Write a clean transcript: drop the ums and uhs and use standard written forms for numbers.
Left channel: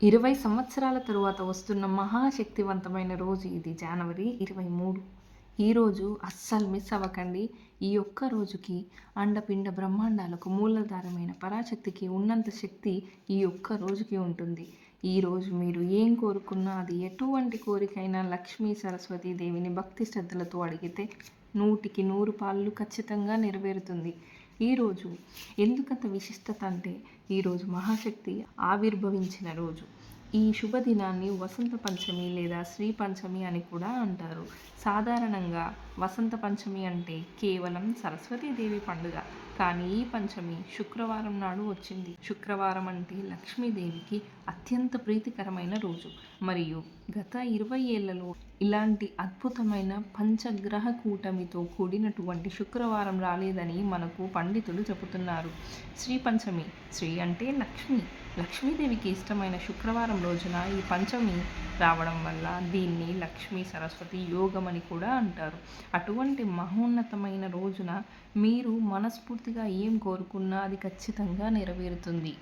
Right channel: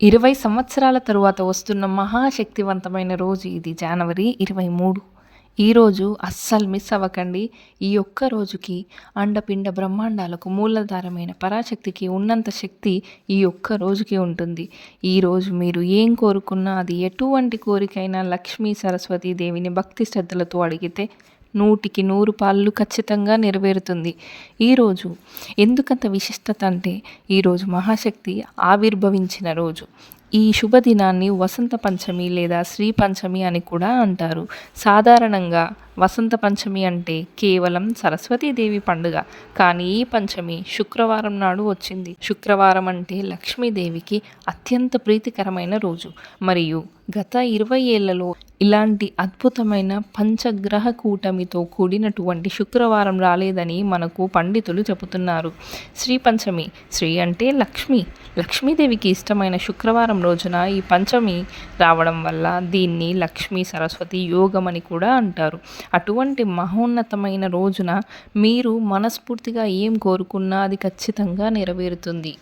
20 సంవత్సరాల తరువాత వస్తున్న మహాశక్తివంతమైన రోజు ఇది జనవరి 23. ఈరోజు అస్సలు మిస్ అవ్వకండి. ఈ ఒక్క రోజుకి అండపిండ బ్రహ్మాండాలకు మూలాధారమైన పరాశక్తికి ఉన్నంత శక్తి ఈ ఒక్క రోజుకి ఉంటుంది. ఈరోజు మీరు ఏం కోరుకున్నా అది ఎటువంటి కోరికైనా లక్ష్మీ సరస్వతీ దేవిని భక్తి శ్రద్ధలతో అడిగితే 100కి 100 పాళ్ళు ఖచ్చితంగా నెరవేరుతుంది. ఈరోజు ఎందుకంత విశిష్టత అంటే ఈరోజు మహాశక్తి ఆవిర్భవించిన రోజు. ఈ శుభదినాన్ని వసంత పంచమి లేదా శ్రీ పంచమి అని కూడా అంటారు. సాధారణంగా వసంత పంచమి అంటే కేవలం సరస్వతీదేవి పండుగ. కానీ ఈ పంచమి శుక్రవారం నాడు వచ్చింది. శుక్రవారం అంటే లక్ష్మీదేవికి అత్యంత ప్రీతికరమైన రోజు. మరియు గత 20 ఏళ్లలో ఇలాంటి అద్భుతమైన పంచగ్రహ కూటమితో కూడినటువంటి శుక్రవారం రాలేదని మనకు పండితులు చెబుతున్నారు. శ్రీ పంచమి, శ్రీ అంటే లక్ష్మి, లక్ష్మీదేవికి ఇష్టమైన శుక్రవారం రోజున ఈ పంచమి రావడం వల్ల దీన్ని లక్ష్మీ సరస్వతి యోగం అని కూడా అంటారు. అటువంటి మహోన్నతమైన రోజున మీరు మనస్ఫూర్తిగా ఏం కోరుకున్నా అది ఖచ్చితంగా నెరవేరుతుంది.